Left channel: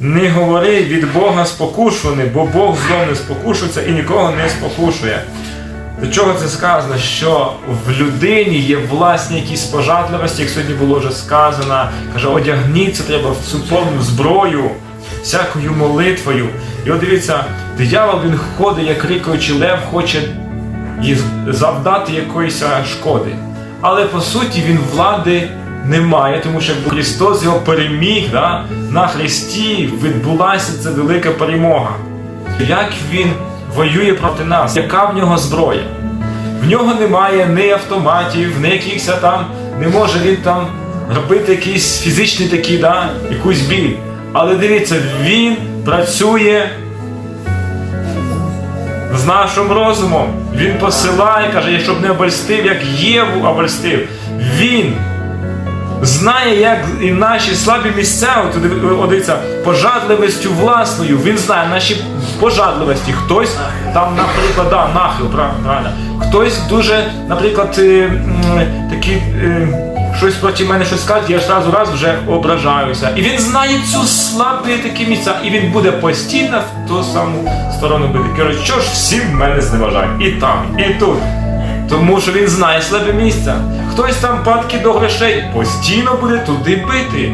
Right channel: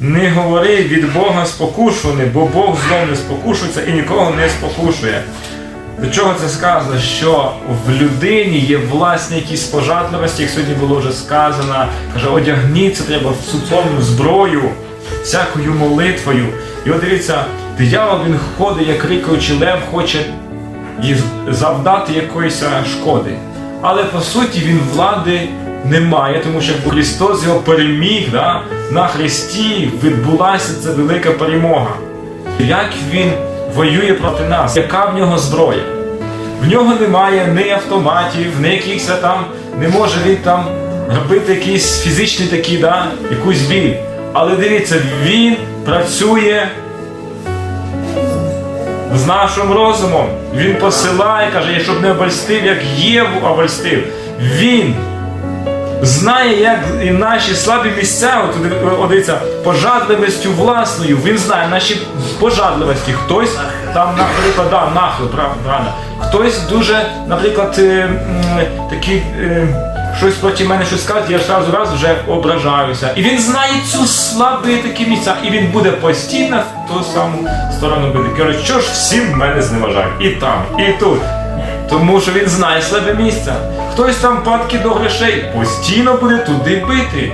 Не говори від Бога спокушуваний, бо Бог злом не спокушується і нікого не спокушує. До чого це сказано? Що в людині є власні якісь пожадливості, як сьогодні було вже сказано, каже, одягніться треба в цю повну зброю, всякою молитвою. І от дивіться, диявол він ходить, як рикаючий лев, хоче завдати якоїсь шкоди. Але по суті він влади не має, тому що Христос його переміг. Да? На Христі відбулася ця велика перемога. Як він воює проти нас? Яка в нього зброя? В нього немає ні автоматів, ні якихось там, не може він там робити якісь фізичні такі, да, якусь біль. Але дивіться, він працює з нашим розумом. Він посилає, каже, щоб не обольстив, як Єву обольстив. Він знає, як і наші слабі місця, от, дивіться, пожадливістю власною, він знає наші пожадливості. Хтось там, наприклад, да, нахил, прав- правильно. Хтось дуже, наприклад, е, такі. е, Щось проти мене щось скаже, я одразу раз вже ображаюся. І він знає цю слабі такі місця, і він буде постійно в ту саму сторону бити. Каже, що ж всі мене зневажають? І там, і тут. Тому що він знає слабе місце. Хтось там падки до грошей постійно буде туди бити.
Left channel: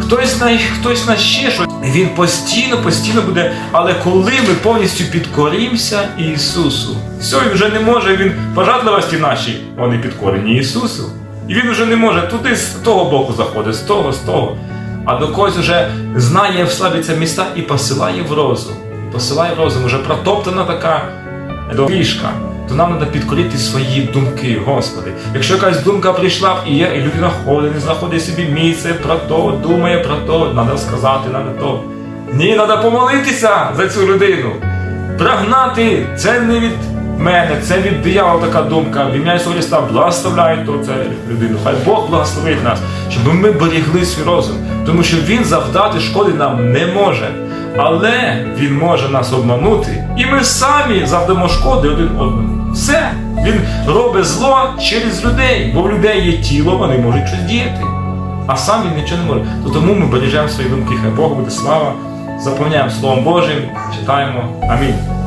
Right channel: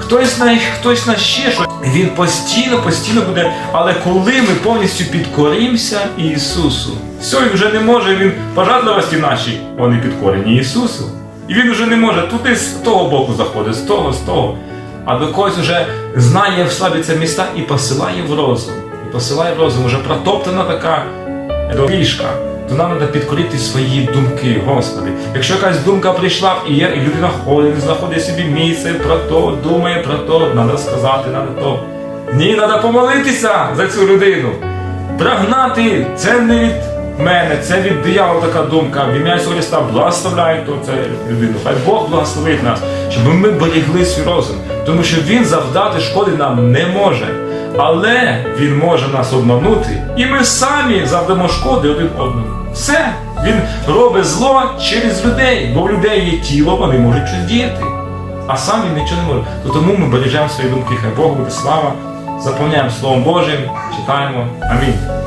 Хтось на хтось на ще щось. Він постійно, постійно буде. Але коли ми повністю підкорімося Ісусу, все, він вже не може, він пожадливості наші, вони підкорені Ісусу. І він вже не може туди з того боку заходить, з того, з того. А до когось вже знає в слабі це міста і посилає в розум. І посилає в розум, вже протоптана така доріжка, нам треба підкорити свої думки, Господи. Якщо якась думка прийшла і є, і людина ходить, не знаходить собі місце про то, думає про то, треба сказати, треба то. Ні, треба помолитися за цю людину. Прогнати це не від мене, це від диявола така думка. В ім'я Ісуса Христа благословляють то це людину. Хай Бог благословить нас, щоб ми берегли свій розум, тому що Він завдати шкоди нам не може. Але він може нас обманути, і ми самі завдамо шкоди один одному. Все, він робить зло через людей, бо в людей є тіло, вони можуть щось діяти. А сам він нічого не може. То тому ми бережемо свої думки. Хай Бог буде слава, заповняємо Словом Божим, читаємо. Амінь.